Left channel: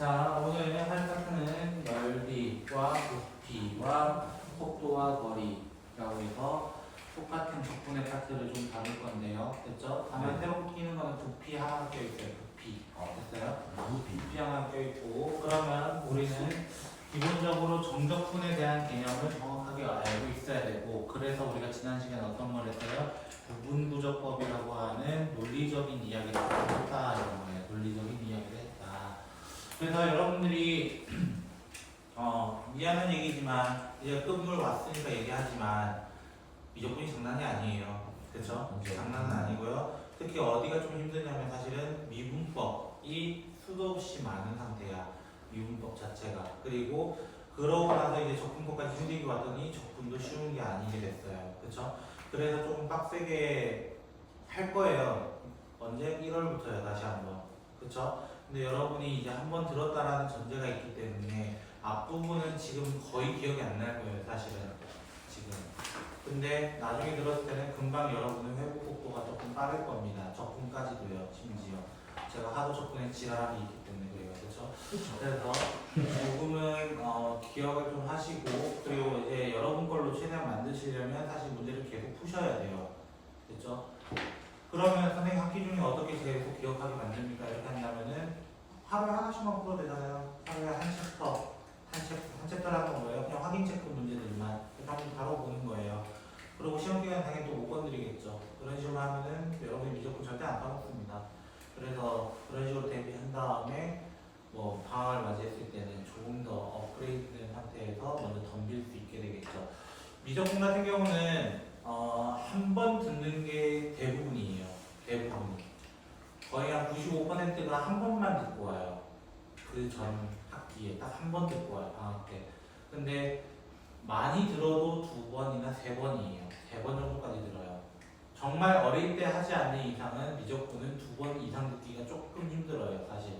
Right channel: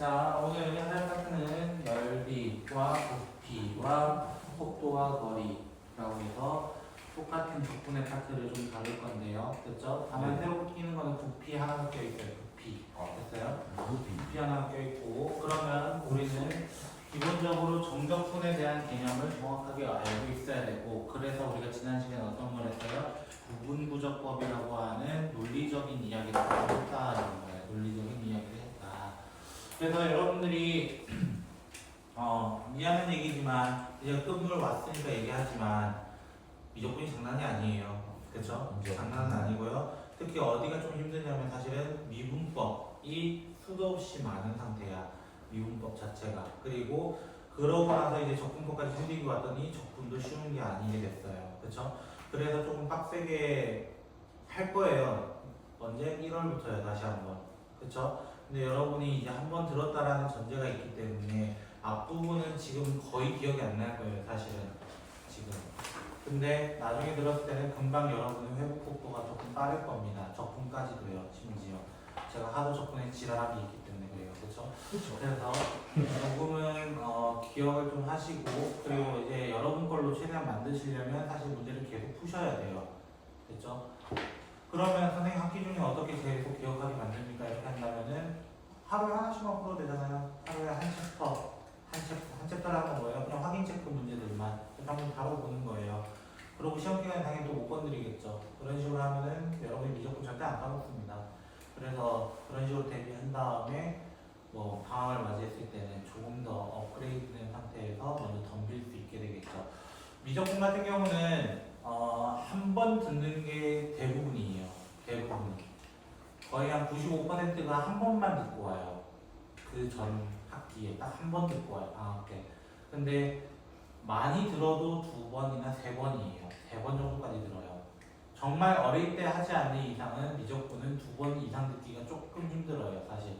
자, 오늘 할 파트는 넓이와 부피와 속도와 거리라고 해서 똑같은 적분의 파트를 좀 다룰 건데요. 됐죠? 다만 새로 끼는 거는 부피 하나 껴있어요. 부피. 됐어요? 부피 하나 껴있고, 그러면 우리는 기본적으로 정적분에 대한 개념을 정확하게 알고 있어야 되고, 그래서 우리가 지난 시간에 어떤 걸 했어요? 부분구조법이라고 하는 논리적인 이야기를 했다. 이런 거예요. 논리적인 이야기를 했다. 그래서 여러분들이 미안한 얘기지만 이제 끝물 왔으니까 얘기하지만 미적분이 장난이 아니에요. 그렇죠? 장난은 아니고요. 특히 어디가 좀 힘드냐면 사실은 미분법이 수도 없이 많은 상태야. 미분법 자체가. 그리고 그러고 나서 이제 적분법까지 생기고 왔더니 적분도 쉬운 게 아니게 됐어요. 그렇죠? 그래서 조금 빡세게 할 거예요. 언제? 1월부터요. 다시 한번. 그렇죠? 근데 여러분이 이제 한번 들었다라는 전제가 있기 때문에 앞부분은 지금 거의 기억이 안 날 거예요. 사실은 지금. 근데 나중에 들었을 때는 금방 여러분의 회복 속도가 조금 빠를 겁니다. 적분까지도요. 심지어 제가 하도 적분에 지랄하기 있기 때문에 그래요. 그렇죠? 그래서 조금은 기억을 좀 하시고, 그리고 이제 여러분 걸로 최대한 만드시려면 사실 문제를 계속 푸셔야 돼요. 됐죠? 그러면 선생님 학기 중에 어떻게 계속 기억하게 만듭니까? 이렇게 한다면은 하루에 하나씩만 풀어도 되잖아요. 하루에 한 챕터, 한 챕터라는 거예요. 그냥 확인 체크 문제들만 한번 다뤄보는 거예요. 그리고 시험 기간에 당연히 또 못 건드리겠죠. 그런 식으로 하면은 여러분이 미적분 절대 안 까먹습니다. 그래서 그런 식으로 대비한 다음에 뭐 방학을 맞이했을 때는 조금 더 업그레이드된 상태에서 먼저 덤빌 수 있게 되겠죠. 미적분 같은 경우는 한 번 듣는 게 대부분이에요. 대부분이. 거의 한 95%가 한 번만 듣고 와요. 그 전 학기에 딱 한 번 듣고 와요. 방학 때. 근데 많이 들어도 2번이나 3번이에요. 3번 정도까지 들어요. 정말 어릴 때 하지 않는 이상은 미적분은 2번 이상 듣기가 조금 힘들어요. 사실.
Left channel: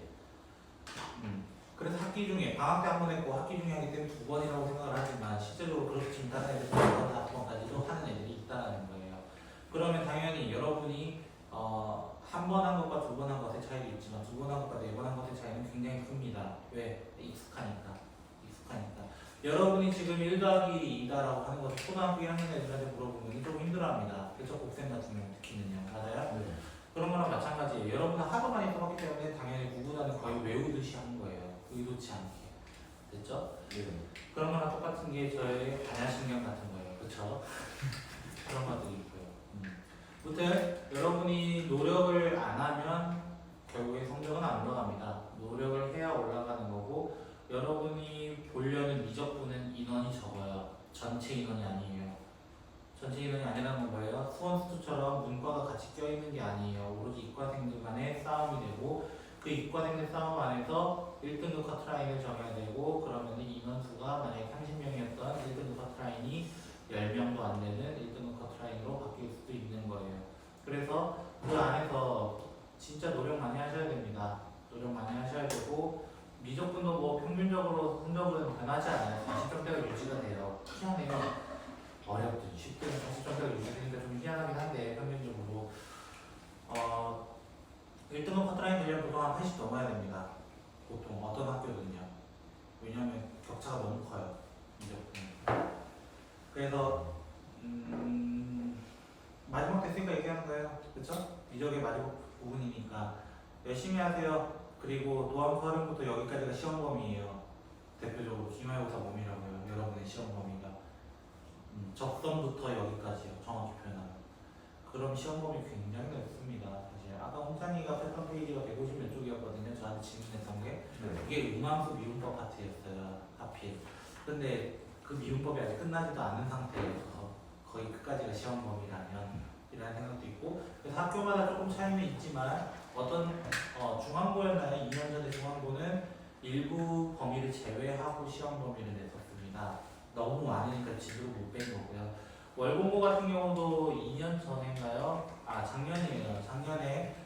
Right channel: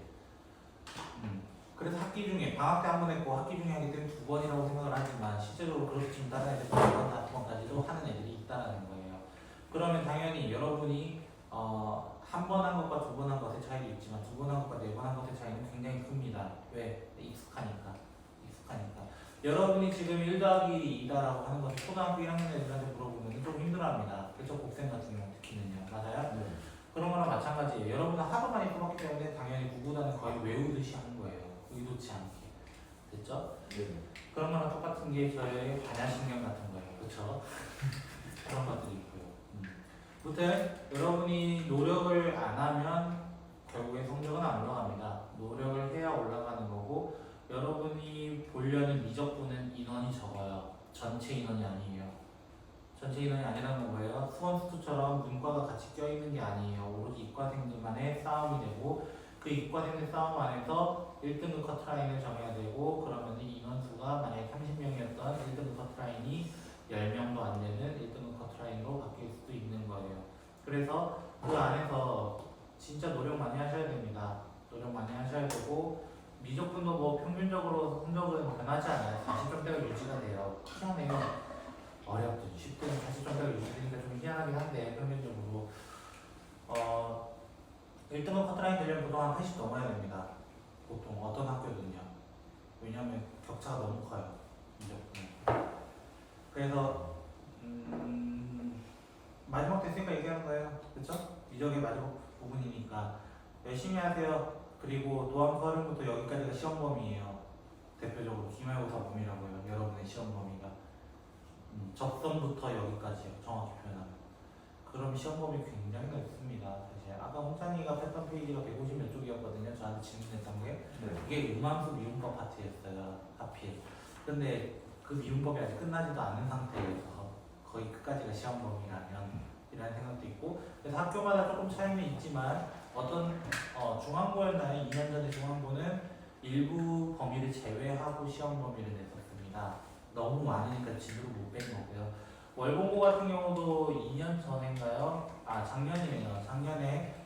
그래서 학기 중에 방학 때 한 번 했고 학기 중에 하기 때문에 2번이라고 생각을 하지만 실제로 그렇게 지금 다른 애들 4번, 5번까지도 하는 애들이 있다는 거예요. 그러면 당연히 여러분이 한 번 한 것과 2번 한 것의 차이도 있지만 2번 한 것과 4번 한 것의 차이는 굉장히 큽니다. 왜? 익숙하니까. 여러분이 지금 1 더하기 2다라고 하는 것을 초등학교 1학년 애들한테 물어보면 조금 힘들어합니다. 그쵸? 곱셈 같은 경우 특히는요. 맞아요? 네. 그런 거랑 마찬가지예요. 여러분은 하도 많이 써봤기 때문에 당연히 구구단은 거의 외우듯이 하는 거예요. 의도치 않게. 됐죠? 네. 그런 거랑 똑같은 게 저의 반야신경 같은 거예요. 그쵸? 그런 것들이 있고요. 무튼 여러분이 노력을 안 하면 결국에 성적은 안 올라갑니다. 노력을 해야 올라가는 거고, 여러분이 보려는 미적분은 인원이 적어요. 전체 인원이 아니에요. 전체 인원이 아니라는 건 뭐예요? 수원수투처럼 문과가 같이 껴있는 게 아니에요. 오로지 이과생들만의 싸움이 되고, 그 이과생들 싸움 안에서 1등급 커트라인을 정해야 되고, 그러면 인원수가 만약에 30명이었던 1등급 커트라인이 10명도 안 되는 1등급 커트라인으로 바뀔 수도 있는 거예요. 그래서 그 안에서 진짜 노력 많이 하셔야 됩니다. 노력 많이 하셔야 되고, 미적분도 뭐 평균적으로 성적은 변하지 않아요. 40점대가 유지가 돼요. 희한해요. 어렵든 쉽든 40점대가 유지되니까 좀 희한하긴 한데, 평균적으로 1등급 커트라인 되려면 보통 한 80 넘어야 됩니다. 보통 어떤 학교든요. 왜냐하면 격차가 너무 커요. 미적분. 그래서 마지막 됐으니까 얘기하는 거예요. 그쵸? 미적의 마지막 부분이니까 열심히 하세요. 그리고 노함수 활용부터 여기까지가 시험 범위예요. 대표적으로 기말고사 범위라고요. 여러분의 시험 범위가 적성부터 여기까지요. 정확히 표현하면. 그럼 시험 범위 굉장히 넓습니다. 사실 아까 홍찬이가 뺐던 페이지가 150 몇 쪽이었거든요. 저한테 질문했던 게 이게 음함수 미분법 파트였어요. 하필. 근데 그 미분법이 아직 끝나지도 않은 상태에서 거의 끝까지가 시험 범위라면 이라는 생각도 있고, 그래서 학교마다 조금 차이는 있지만 어떤 중앙고였나요? 2년 전에 중앙고는 일부 범위를 제외하고 시험 범위를 냈었습니다. 너무 많으니까 지도를 못 뺀 거고요. 월봉고 같은 경우도 2년 전인가요? 작년이에요. 작년에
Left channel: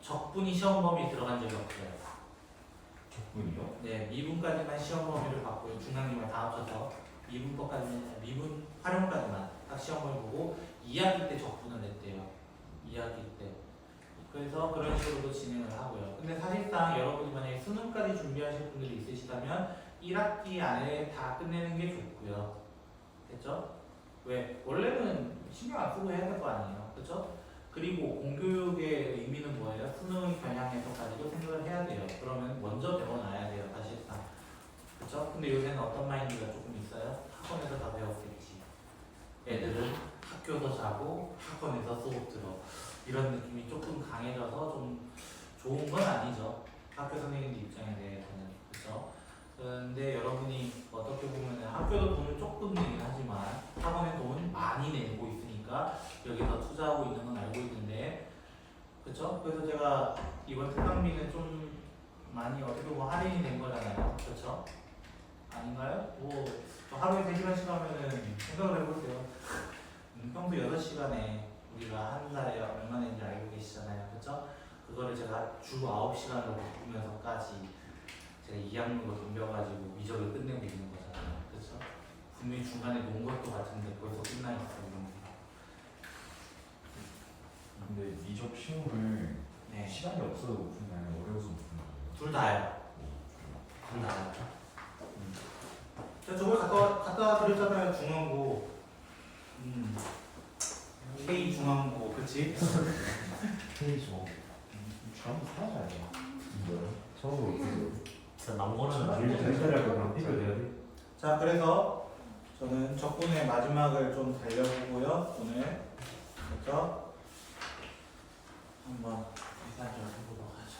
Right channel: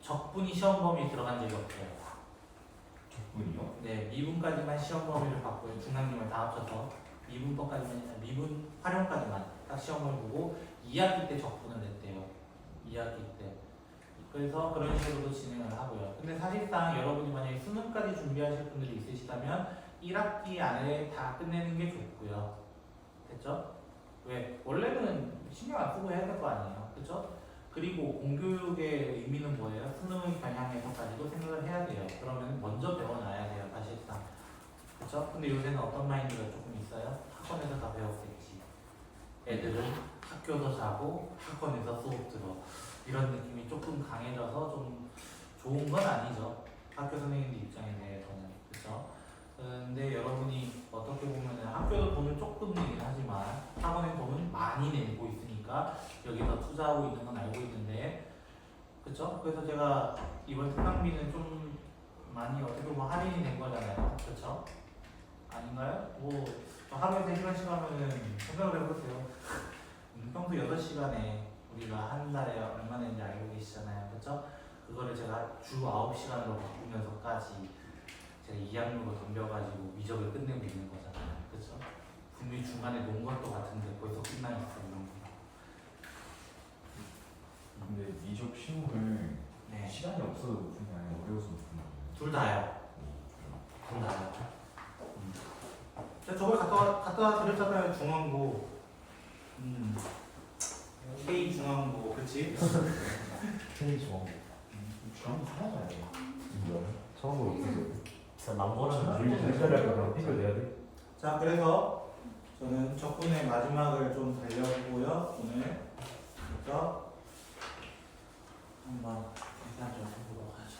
적분이 시험 범위에 들어간 적이 없어요. 적분이요? 네, 미분까지만 시험 범위를 받고요. 중앙님을 다 합쳐서 미분법까지만, 미분 활용까지만 딱 시험 범위 보고 2학기 때 적분을 냈대요. 2학기 때. 그래서 그런 식으로도 진행을 하고요. 근데 사실상 여러분이 만약에 수능 3학기까지 준비하실 분들이 있으시다면 1학기 안에 다 끝내는 게 좋고요. 됐죠? 왜? 원래는 신경 안 쓰고 해야 될 거 아니에요. 그렇죠? 그리고 공교육의 의미는 뭐예요? 수능 경향에서까지도 생각을 해야 돼요. 그러면 먼저 배워놔야 돼요. 사실상. 그렇죠? 근데 요새는 어떤 마인드가 조금 있어요? 학원에서 다 배웠겠지. 애들은 학교도 자고 학원에서 수업 들어. 이런 느낌이 조금 강해져서 좀 좋은 건 아니죠. 학교 선생님들 입장에 대해서는. 그렇죠? 근데 여러분이 어떻게 보면 학교도 돈을 조금 내긴 하지만 학원에 돈은 많이 내고 있으니까 여기서 투자하고 있는 건 알고 있는데, 그렇죠? 그래서 제가 이번 특강비는 좀 많이 어떻게 보면 할인이 된 거잖아요. 그렇죠? 아닌가요? 뭐 하루에 3시간씩 하면은 생각을 해보세요. 평소 6시간에 우리가 한 달에 얼마 내는지 알고 계시잖아요. 그렇죠? 그거를 제가 주 9시간으로 바꾸면서까지 제가 2학년으로 덤벼가지고 미적을 끝내고 있는 거잖아요. 그렇죠? 분명히 중간에 논 것도 같은데 벌써 끝나 있어. 이런 거. 근데 미적 실무를 네. 시간이 없어서 못 푼다면 어려워서 못 푼다고요? 둘 다요. 둘 다요. 제가 저걸 갖다 드렸잖아요. 중앙고. K 중앙고. 그치? K 저 중앙 살아가야 돼요. 진짜 처음으로 어떻게 진짜 남고는 일자리를 그냥 해결돼야 돼? 자, 그래서 저는 적분의 마지막을 좀 달려보고요. 오늘. 그렇죠? 한번 계산 좀 해보도록 하죠.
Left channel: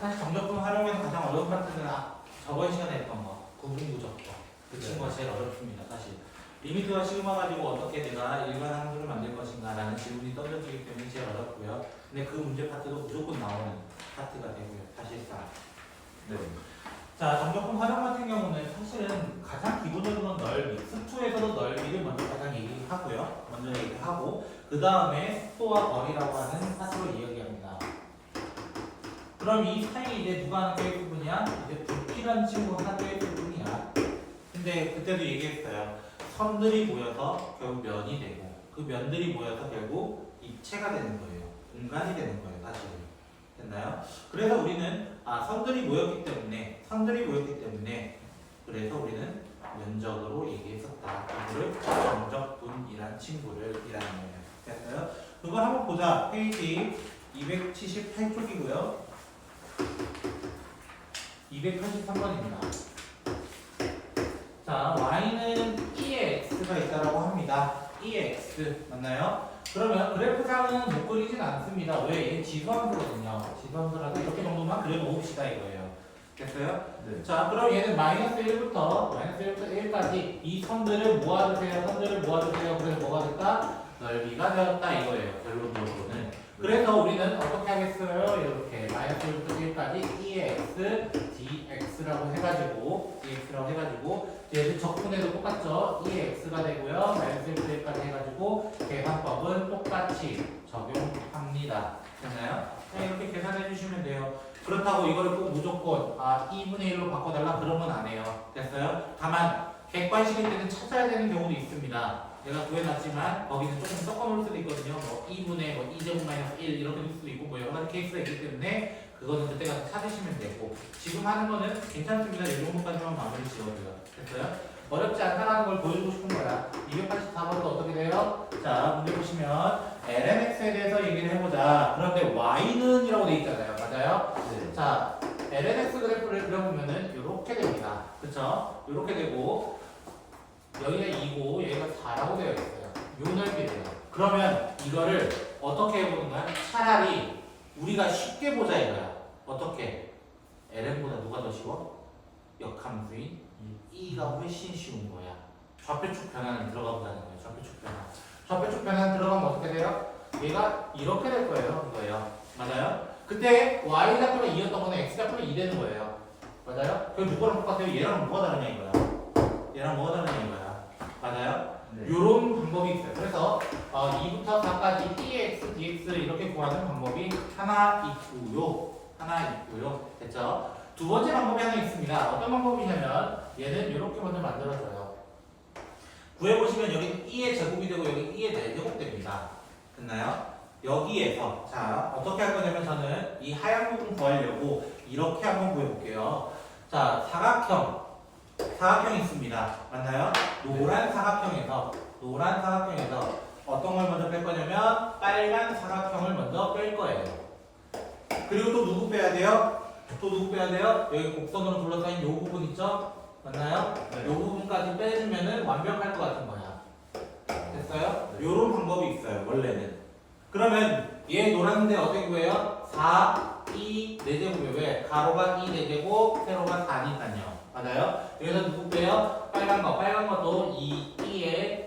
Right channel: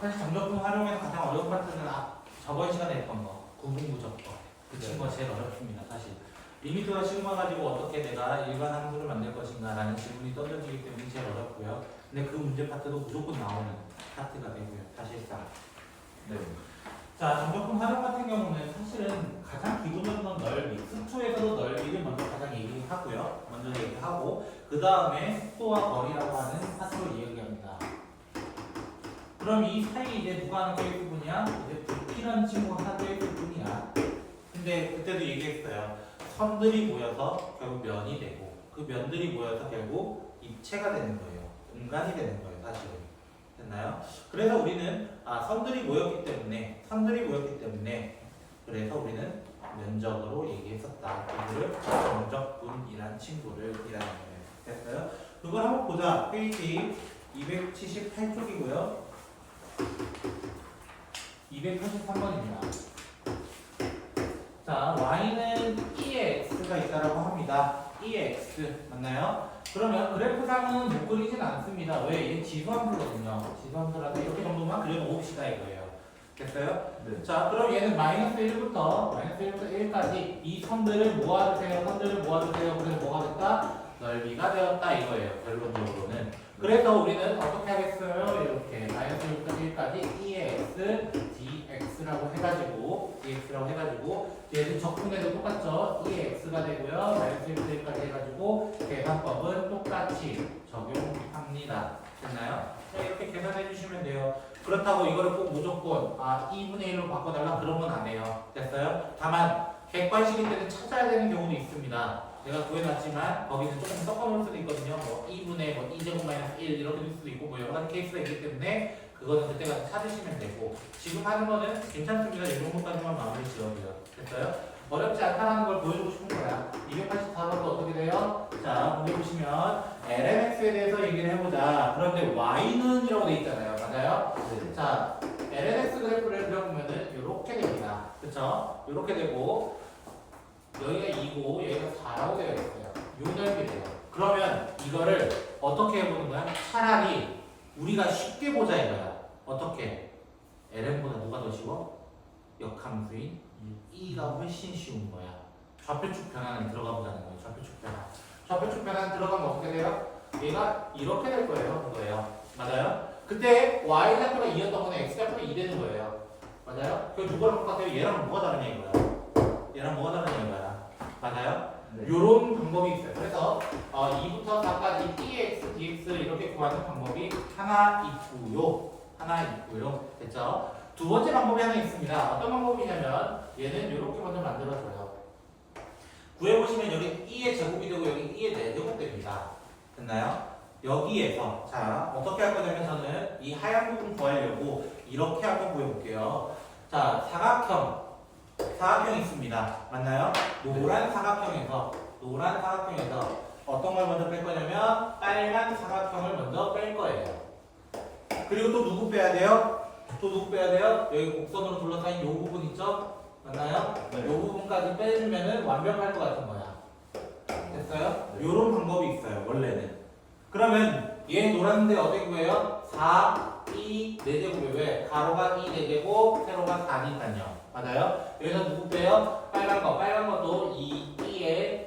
사실 정적분 활용에서 가장 어려운 파트는 저번 시간에 했던 거, 구분구적 거. 그 친구가 제일 어렵습니다, 사실. 리미트와 시그마 가지고 어떻게 내가 일반 함수를 만들 것인가 라는 질문이 던져지기 때문에 제일 어렵고요. 근데 그 문제 파트도 무조건 나오는 파트가 되고요, 사실상. 네. 자, 정적분 활용 같은 경우는 사실은 가장 기본적으로는 넓이, 수투에서도 넓이를 먼저 가장 얘기하고요. 먼저 얘기하고, 그 다음에 속도와 거리라고 하는 파트로 이야기합니다. 그럼 이 사이에 이제 누가 하나 껴있을 뿐이야? 이제 부피라는 친구 하나 껴있을 뿐이야. 근데 그때도 얘기했어요. 선들이 모여서 결국 면이 되고, 그 면들이 모여서 결국 입체가 되는 거예요. 공간이 되는 거예요, 사실은. 됐나요? 그래서 우리는 선들이 모였기 때문에 그래서 우리는 면적으로 얘기했었다. 이거를 정적분이란 친구를 이라는 거예요. 됐어요? 그걸 한번 보자. 페이지 278쪽이고요. 283번입니다. 자, y는 EX가 있다라고 합니다. EX 맞나요? 그러면 그래프상은 못 그리진 않습니다. 왜? 이게 지수함수거든요. 지수함수라서 이렇게 정도만 그려놓읍시다 이거예요. 됐어요? 네. 자, 그럼 얘는 마이너스 1부터 1까지 이 선들을 모아주세요. 그래서 뭐가 됐다? 넓이가 되었다 이거예요. 결론적으로는. 그래서 우리는 어떻게 하겠어요? 이렇게 마이너스 1부터 1까지 EX, DX라고 해가지고 얘는 적분해도 똑같죠? EX가 되고요. 마이너스 1부터 1까지 해가지고 계산법은 똑같이 적용합니다. 됐나요? 자, 이렇게 계산해 주시면 돼요. 그렇다고 이거를 꼭 무조건 2분의 1로 바꿔달라 그런 건 안 해요. 됐어요? 다만 객관식일 때는 찾아야 되는 경우도 있습니다. 내가 구해놨지만 거기는 조금 섞어놓을 수도 있거든요. 뭐 2분의 2제곱 마이너스 1 이렇게 될 수도 있고 뭐 여러 가지 케이스가 있기 때문에 그거는 그때 가서 찾으시면 되고 지금 하는 거는 괜찮습니다. 이 정도까지만 마무리 지어줘요. 됐어요? 어렵지 않다는 걸 보여주고 싶은 거야. 284번도 어떻게 돼요? 자, 문제 보시면 lnx에 대해서 얘기를 해보자. 그런데 y는 이라고 돼 있잖아요. 맞아요? 네. 자, lnx 그래프를 그려보면은 이렇게 됩니다. 그쵸? 이렇게 되고 여기가 2고 여기가 4라고 되어 있어요. 요 넓이래요. 그러면 이거를 어떻게 해보는 거야? 차라리 우리가 쉽게 보자 이거야. 어떻게? ln보다 누가 더 쉬워? 역함수인 2가 훨씬 쉬운 거야. 좌표축 변화는 들어가 보자는 거예요. 좌표축 변화는 들어가면 어떻게 돼요? 얘가 이렇게 될 거예요. 맞아요? 그때 y 좌표가 2였던 거는 x 좌표가 2 되는 거예요. 맞아요? 그 누구랑 똑같아요? 얘랑 뭐가 다르냐 이거야. 맞아요? 네. 요런 방법이 있어요. 그래서 2부터 4까지 dx, dx 이렇게 구하는 방법이 하나 있고요. 됐죠? 두 번째 방법이 하나 있습니다. 어떤 방법이냐면 얘는 이렇게 먼저 만들어줘요. 구해보시면 여기 2의 제곱이 되고 여기 2의 4제곱 됩니다. 됐나요? 여기에서 자 어떻게 할 거냐면 저는 이 하얀 부분 구하려고 이렇게 한번 구해볼게요. 자 사각형이 있습니다. 맞나요? 노란 사각형에서 어떤 걸 먼저 뺄 거냐면 빨간 사각형을 먼저 뺄 거예요. 그리고 또 누구 빼야 돼요? 여기 곡선으로 둘러싸인 요 부분 있죠? 맞나요? 네. 요 부분까지 빼주면은 완벽할 것 같은 거야. 됐어요? 네. 요런 방법이 있어요, 원래는. 그러면 얘 노란데 어떻게 구해요? 4, 2, 4제곱이 왜? 가로가 2, 4제곱, 세로가 4니까요. 맞아요? 여기서 누구 빼요? 빨간 것도 2의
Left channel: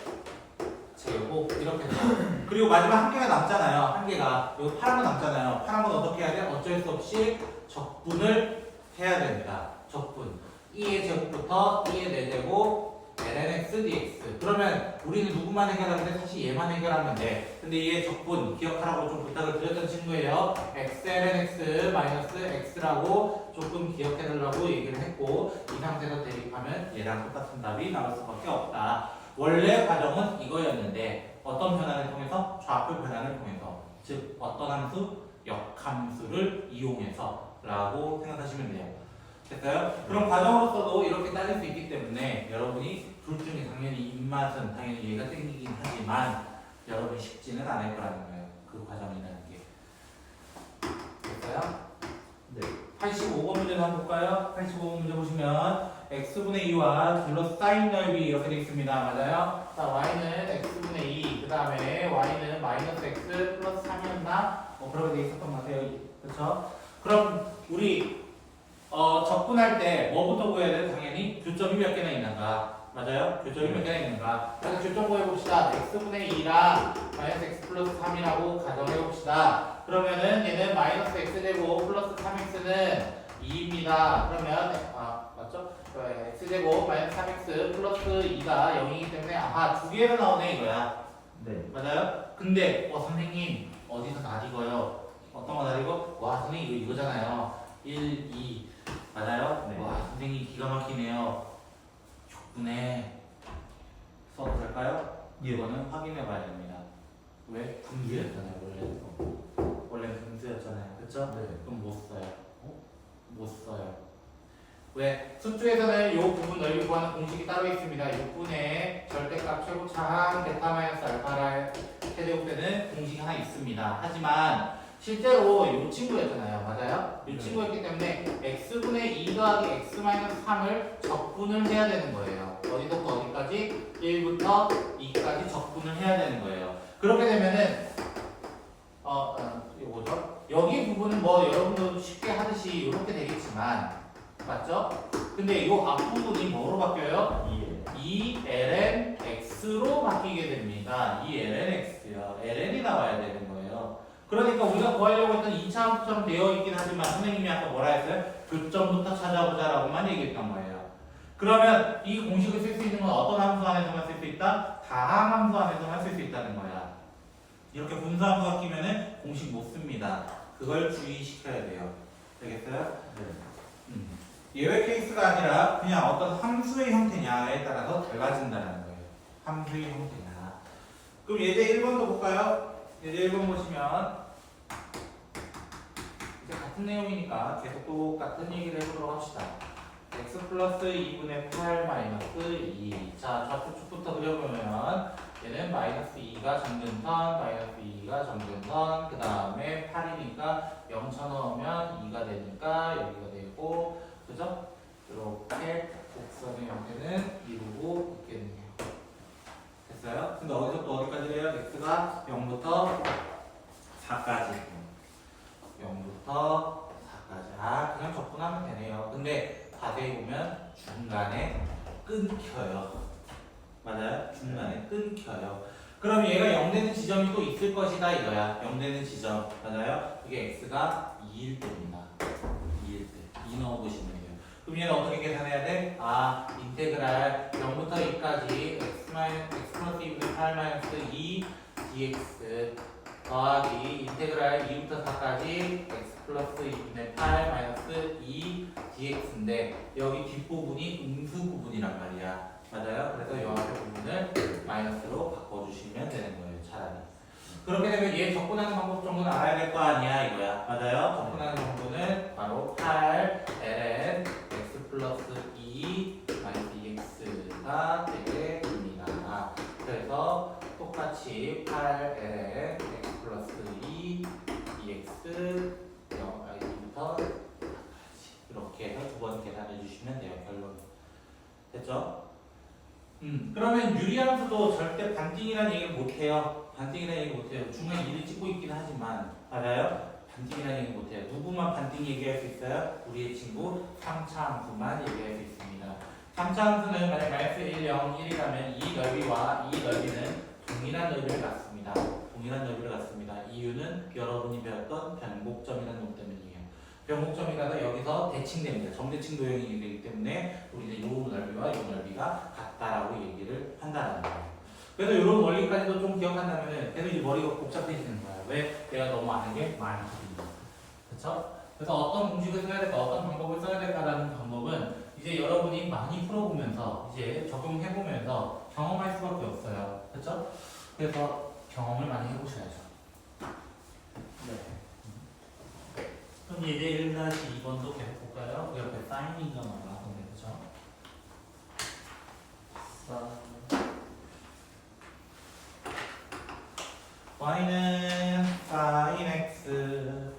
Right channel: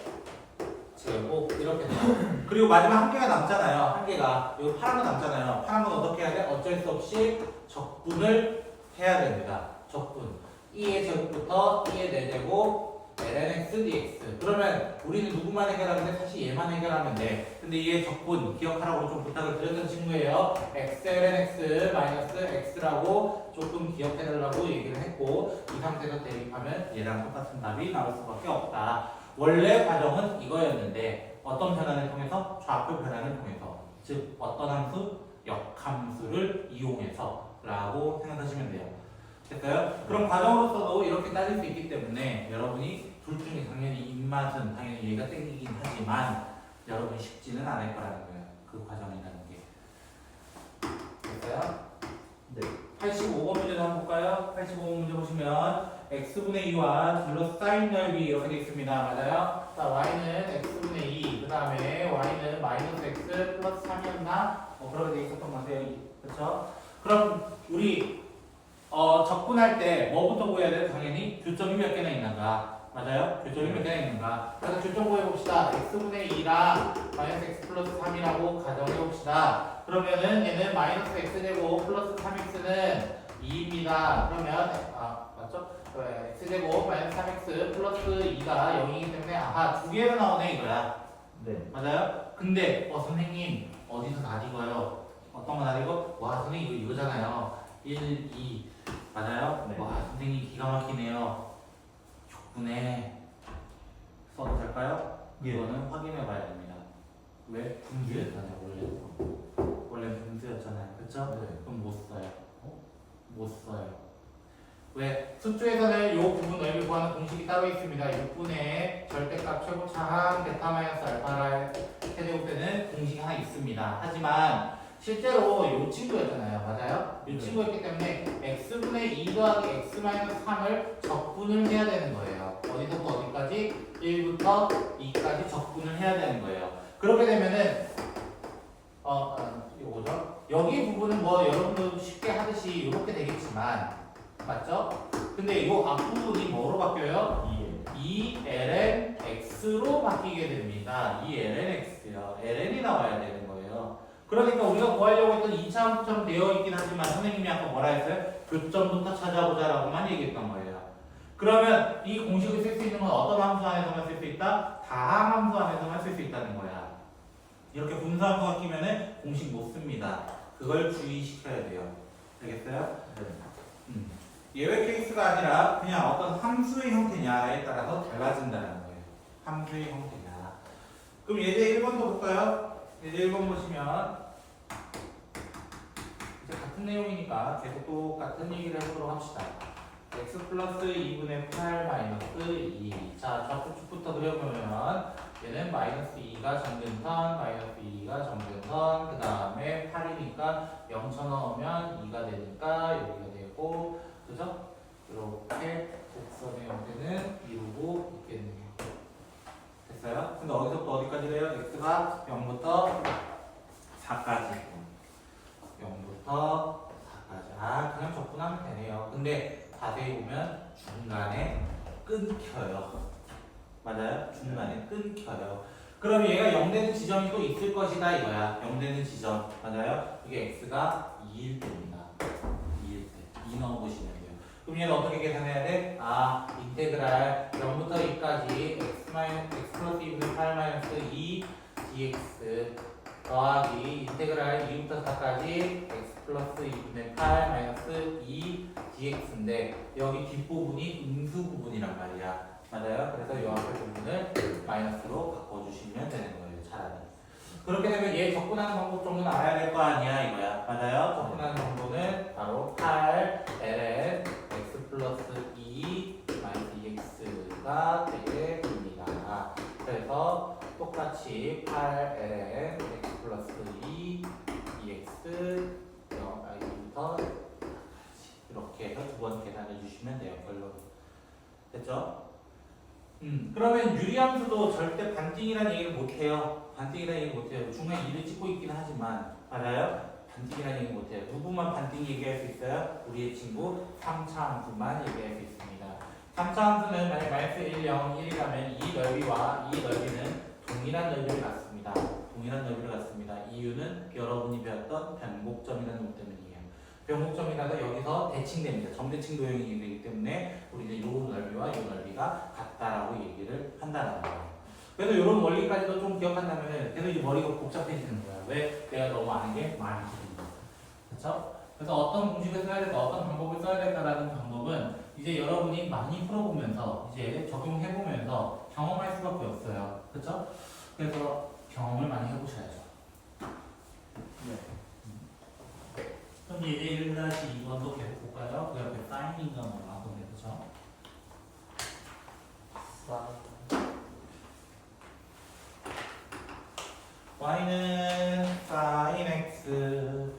제곱 이렇게 돼요. 그리고 마지막 한 개가 남잖아요. 한 개가 여기 파란 거 남잖아요. 파란 건 어떻게 해야 돼? 어쩔 수 없이 적분을 해야 됩니다. 적분. 2의 제곱부터 2의 4제곱 lnx dx. 그러면 우리는 누구만 해결하는데 사실 얘만 해결하면 돼. 근데 얘의 적분 기억하라고 좀 부탁을 드렸던 친구예요. x lnx 마이너스 x라고 조금 기억해달라고 얘기를 했고 이 상태에서 대입하면 얘랑 똑같은 답이 나올 수밖에 없다. 원래 과정은 이거였는데 어떤 변환을 통해서? 좌표 변환을 통해서. 즉 어떤 함수? 역함수를 이용해서 라고 생각하시면 돼요. 됐어요? 그럼 과정으로서도 이렇게 따질 수 있기 때문에 여러분이 둘 중에 당연히 입맛은 당연히 얘가 땡기긴 하지만 여러분이 쉽지는 않을 거라는 거예요. 그 과정이라는 게. 됐어요? 네. 85번 문제도 한번 볼까요? 85번 문제 보시면 x분의 2와 둘러싸인 넓이 이렇게 되어 있습니다. 맞아요? 자, y는 x분의 2, 그 다음에 y는 마이너스 x 플러스 3이었나? 그렇게 되어 있었던 것 같아요. 그렇죠? 그럼 우리 적분할 때 뭐부터 구해야 돼요? 당연히 교점이 몇 개나 있는가? 맞아요? 교점이 몇 개나 있는가? 그래서 교점 구해봅시다. x분의 2랑 마이너스 x 플러스 3이라고 가정해봅시다. 그러면은 얘는 마이너스 x제곱 플러스 3x는 2입니다. 그러면 맞죠? x제곱 마이너스 3x 플러스 2가 0이기 때문에 두 개가 나오네 이거야. 네. 맞아요? 근데 선생님 어디서 낯익어요? 어떤 거 낯익어? 와 선생님 이거잖아요. 1, 2 맞아요? 네. 와 선생님 기가 막히네요. 6분에 써도 될까요? 예. 이거는 확인해 봐야 됩니다. 왜? 분수였잖아요 원래는 분수였잖아요. 그쵸? 네. 그럼 못 써요. 못 써요. 왜? 수투에서는 이 부분 넓이 구하는 공식이 따로 있습니다. 6분의 절대값 최고차항 베타 마이너스 알파를 세제곱되는 공식이 하나 있습니다. 하지만 실제로 이 친구였잖아요. 맞아요? 이 네. 친구였기 때문에 x분의 2 더하기 x 마이너스 3을 적분을 해야 되는 거예요. 어디서부터 어디까지? 1부터 2까지 적분을 해야 되는 거예요. 그렇게 되면은 이거죠. 여기 부분은 뭐 여러분도 쉽게 하듯이 이렇게 되겠지만 맞죠? 근데 이 앞부분이 뭐로 바뀌어요? 2lnx로 바뀌게 됩니다. 2lnx요. ln이 나와야 되는 거예요. 그러니까 우리가 구하려고 했던 2차 함수처럼 되어 있긴 하지만 선생님이 아까 뭐라 했어요? 교점부터 찾아보자 라고만 얘기했던 거예요. 그러면 이 공식을 쓸 수 있는 건 어떤 함수 안에서만 쓸 수 있다? 다항 함수 안에서만 쓸 수 있다는 거야. 이렇게 분수함수가 끼면은 공식 못 씁니다. 그걸 주의시켜야 돼요. 알겠어요? 네. 예외 케이스가 아니라 그냥 어떤 함수의 형태냐에 따라서 달라진다는 거예요. 함수의 형태냐. 그럼 예제 1번도 볼까요? 예제 1번 보시면 이제 같은 내용이니까 계속 똑같은 얘기를 해보도록 합시다. x 플러스 2분의 8 마이너스 2. 자, 좌표축부터 그려보면 얘는 마이너스 2가 정근선, 마이너스 2가 정근선, 그 다음에 8이니까 0 쳐넣으면 2가 되니까 여기가 되고, 그죠? 이렇게 곡선의 형태는 이루고 있겠네요. 됐어요? 근데 어디서부터 어디까지 돼요? x가 0부터 4까지. 0부터 4까지. 그냥 적분하면 되네요. 근데 자세히 보면 중간에 끊겨요. 맞아요? 중간에 끊겨요. 그럼 얘가 0 되는 지점이 또 있을 것이다 이거야. 0 되는 지점. 맞아요? 그게 x가 2일 때입니다. 2일 때. 2 넣어보시면 돼요. 그럼 얘는 어떻게 계산해야 돼? 인테그랄 0부터 2까지 x 플러스 2분의 8 마이너스 2 dx 더하기 인테그랄 2부터 4까지 x 플러스 2분의 8 마이너스 2 dx인데 여기 뒷부분이 음수 부분이란 말이야. 맞아요? 그래서 이 앞에 부분을 그렇게 되면 얘 접근하는 방법 정도는 알아야 될 거 아니야 이거야. 맞아요? 접근하는 방법은 바로 8 ln x 플러스 2 마이너스 2x가 되게 됩니다. 그래서 똑같이 8 ln x 플러스 2 2x i부터 이렇게 해서 두 번 계산해 주시면 돼요. 결론. 됐죠? 그러면 유리함수도 절대 반띵이라는 얘기를 못해요. 반띵이라는 얘기 못해요. 중간에 2를 찍고 있긴 하지만 맞아요? 반띵이라는 얘기 못해요. 누구만 반띵 얘기할 수 있어요? 우리의 친구 3차 함수만 얘기할 수 있습니다. 3차 함수는 만약 마이너스 1, 0, 1이라면 이 넓이와 이 넓이는 동일한 넓이를 갖습니다. 동일한 넓이를 갖습니다. 이유는 여러분이 배웠던 변곡점이라는 것 때문이에요. 변곡점이라서 여기서 대칭됩니다. 정대칭 도형이 되기 때문에 우리는 이 넓이와 이 넓이가 같다라고 얘기를 한다는 거예요. 그래서 이런 원리까지도 좀 기억한다면 계속 이제 머리가 복잡해지는 거예요. 왜? 내가 너무 아는 게 많이 들립니다. 그렇죠? 그래서 어떤 공식을 써야 될까, 어떤 방법을 써야 될까라는 방법은 이제 여러분이 많이 풀어보면서 이제 적용해보면서 경험할 수밖에 없어요. 그렇죠? 그래서 경험을 많이 해보셔야죠. 네. 그럼 이제 1-2번도 계속 볼까요? 그 옆에 사인인가 뭐 나왔던데, 그죠? y는 sin x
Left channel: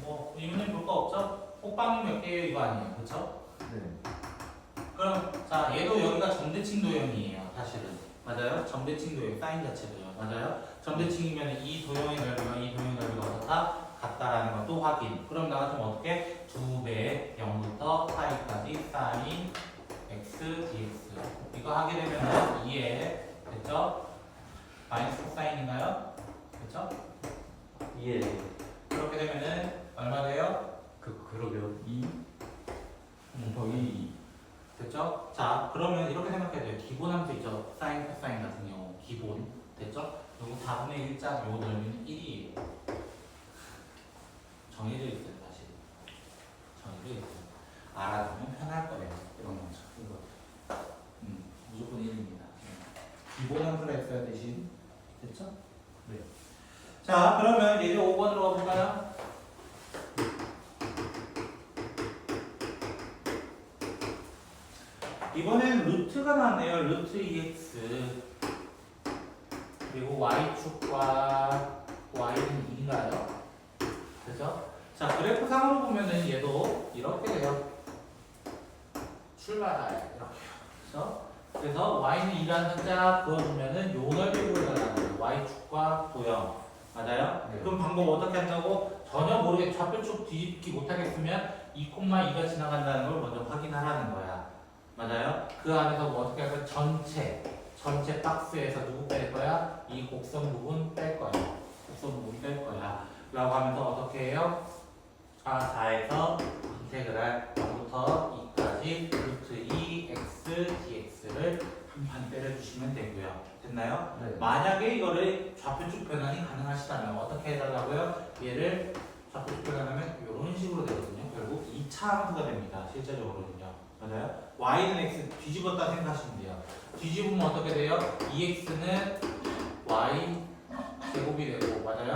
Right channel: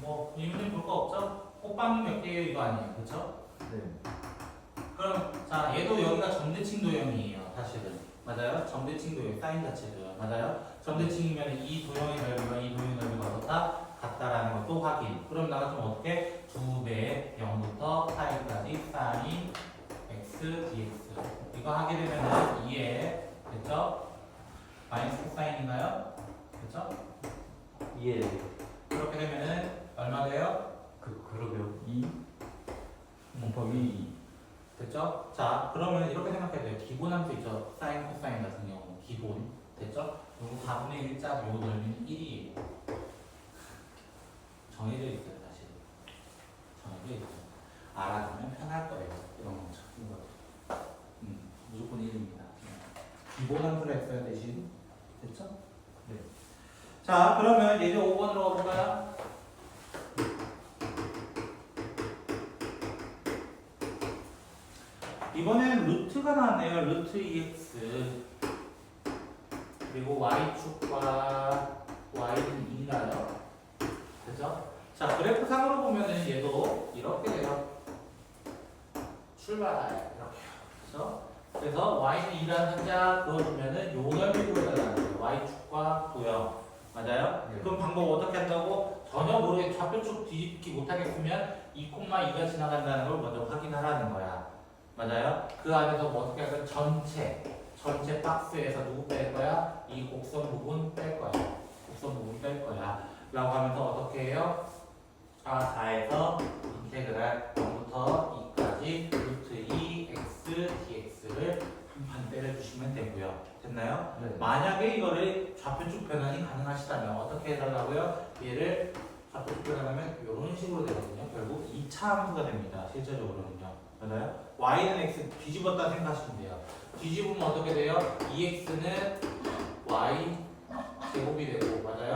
뭐 이유는 볼 거 없죠? 호빵이 몇 개예요? 이거 아니에요, 그쵸? 네. 그럼 자 얘도 여기가 점대칭 도형이에요, 사실은. 맞아요? 점대칭 도형, 사인 자체도요. 맞아요? 점대칭이면 이 도형의 넓이와 이 도형의 넓이가 어떻다? 같다라는 것도 확인. 그럼 나가 좀 어떻게? 2배 0부터 파이까지 sin x dx. 이거 하게 되면은 2에 됐죠? 마이너스 코사인인가요? 그쵸? 2에 그렇게 되면은 얼마 돼요? 그러게요. 2 곱하기 2. 됐죠? 자, 그러면 이렇게 생각해야 돼요. 기본 함수 있죠? 사인, 코사인 같은 경우. 기본. 됐죠? 요거 4분의 1자 요 넓이는 1이에요. 정해져 있어요, 사실. 정해져 있어요. 알아두면 편할 거예요. 이런 거죠. 이거. 무조건 1입니다. 기본 함수를 했어요, 대신. 됐죠? 네. 자, 그러면 이제 5번으로 가볼까요? 이번엔 루트가 나왔네요. 루트 2x 그리고 y축과 y는 2인가요? 그죠? 자, 그래프 상으로 보면은 얘도 이렇게 돼요. 출발 이렇게요. 그죠? 그래서 y는 2라는 숫자 그어주면은 요 넓이 구해달라는 거예요. y축과 도형. 맞아요? 네. 그럼 방법 어떻게 한다고? 전혀 모르게 좌표축 뒤집기 못하겠으면 2,2가 지나간다는 걸 먼저 확인하라는 거야. 맞아요? 그 안에서 뭐 어떻게 할까? 전체 박스에서 누구 뺄 거야? 이 곡선 부분 뺄 거야. 곡선 부분 뺄 거야. 라고 하면서 어떻게 해요? 4에서 인테그랄 0부터 2까지 루트 2x dx를 한 판 때려주시면 되고요. 됐나요? 네. 만약에 이거를 좌표축 변환이 가능하시다면 어떻게 해달라고요? 얘를 좌표축 변환하면 이런 식으로 되거든요. 결국 2차 함수가 됩니다. 실제적으로는요. 맞아요? y는 x 뒤집었다 생각하시면 돼요. 뒤집으면 어떻게 돼요? 2x는 y 제곱이 되고, 맞아요?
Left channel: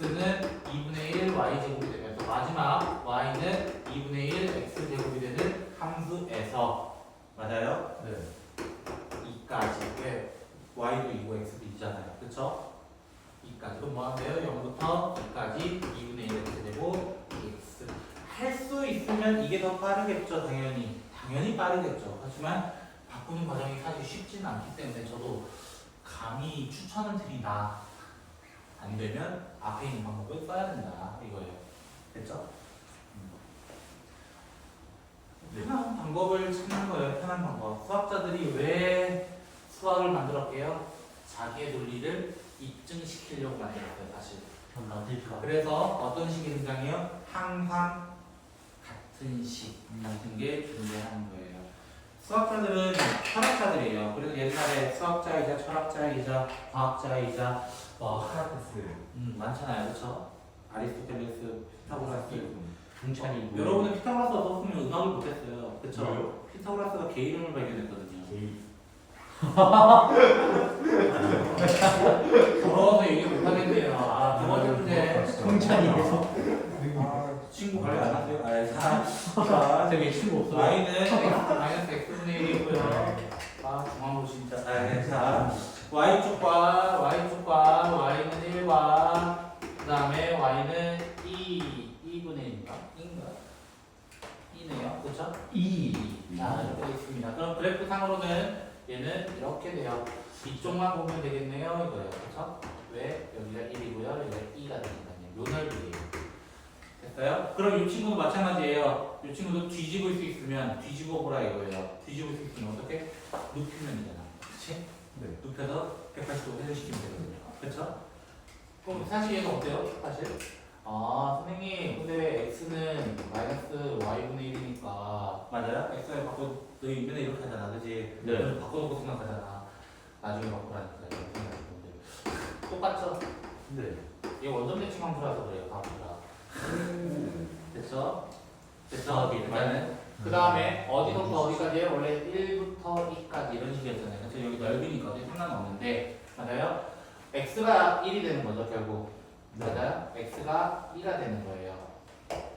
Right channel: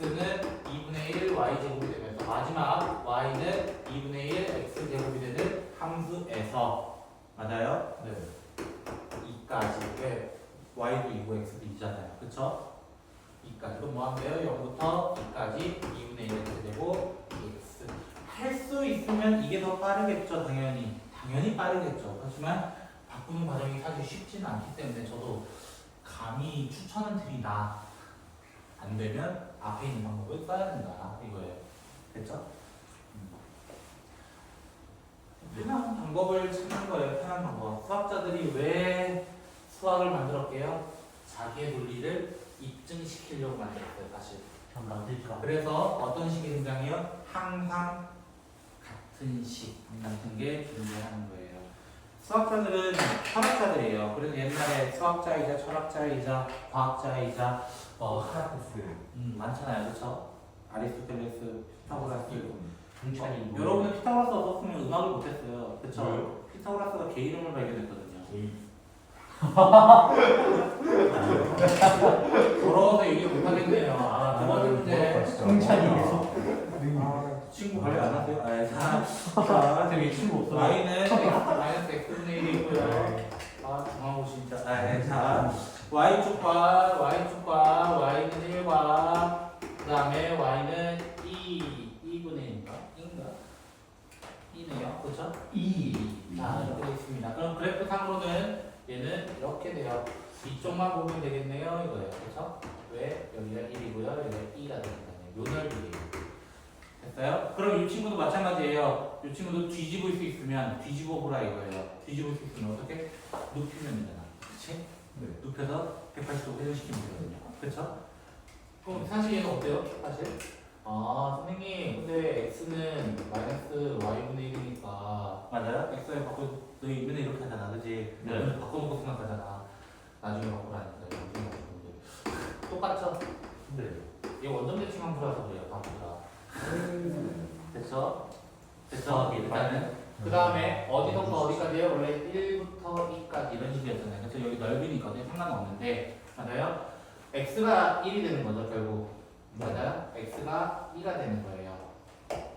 x는 2분의 1 y 제곱이 되면서 마지막 y는 2분의 1 x 제곱이 되는 함수에서, 맞아요? 네. 2까지. 왜? y도 2고 x도 2잖아요. 그쵸? 2까지. 그럼 뭐 하면 돼요? 0부터 2까지 2분의 1 x 제곱 dx. 할 수 있으면 이게 더 빠르겠죠, 당연히. 당연히 빠르겠죠. 하지만 바꾸는 과정이 사실 쉽지는 않기 때문에 저도 감히 추천을 드리나 안 되면 앞에 있는 방법을 써야 된다 이거예요. 됐죠? 편한 방법을 찾는 거예요. 편한 방법. 수학자들이 왜 수학을 만들었게요? 자기의 논리를 입증시키려고 만들었어요, 사실. 그래서 어떤 식이 등장해요? 항상 같은 식 같은 게 존재하는 거예요. 수학자들은 철학자들이에요. 그래서 옛날에 수학자이자 철학자이자 과학자이자 소크라테스. 많잖아요, 그렇죠? 아리스토텔레스, 피타고라스. 풍찬이 여러분은 피타고라스 없었으면 음악을 못했어요, 그렇죠? 왜요? 피타고라스가 개 이름을 발견했거든요. 게이. 더러워서 얘기 못하겠네요. 아, 두 번째 문제. 승찬이에서. 친구 관리 안 하세요? 자, 되게 친구 없어. y는 마이너스 x분의 1이고요. 아, 중앙으로 진짜. 자, y쪽과 y는 1과 그 다음에 y는 2분의 1인가? 2네요. 그쵸? 2. 자, 이렇게 되어 있습니다. 그럼 그래프 상으로는 얘는 이렇게 돼요. 이쪽만 보면 되겠네요. 이거예요. 그쵸? 왜? 여기가 1이고요. 여기가 2가 되니까요. 요 넓이에요. 됐어요? 그럼 이 친구도 마찬가지예요. 이 친구도 뒤집을 수 있으면 뒤집어 보라 이거예요. 뒤집을 수 있으면 어떻게? 눕히면 되잖아. 그치? 네. 눕혀서 180도 회전시키면 되거든요. 그쵸? 그럼 사실 얘는 어때요? 사실? 아, 선생님, 근데 x는 마이너스 y분의 1이니까 맞아요? x에 바꿔 너희 맨날 이렇게 하잖아, 그지? 네. 먼저 바꿔놓고 생각하잖아. 나중에 바꾸라니까 이렇게 생각하는데 똑같죠? 네. 얘 원점 대칭 함수라서 그래요, 바꾸라. 됐죠? 됐죠? 일단은 그 다음에 어디서부터 어디까지예요? 원래 1부터 2까지 이런 식이었잖아요. 그래서 여기 넓이니까 어디 상관없는데 맞아요? x가 1이 되는 거죠 결국. 맞아요? x가 2가 되는 거예요.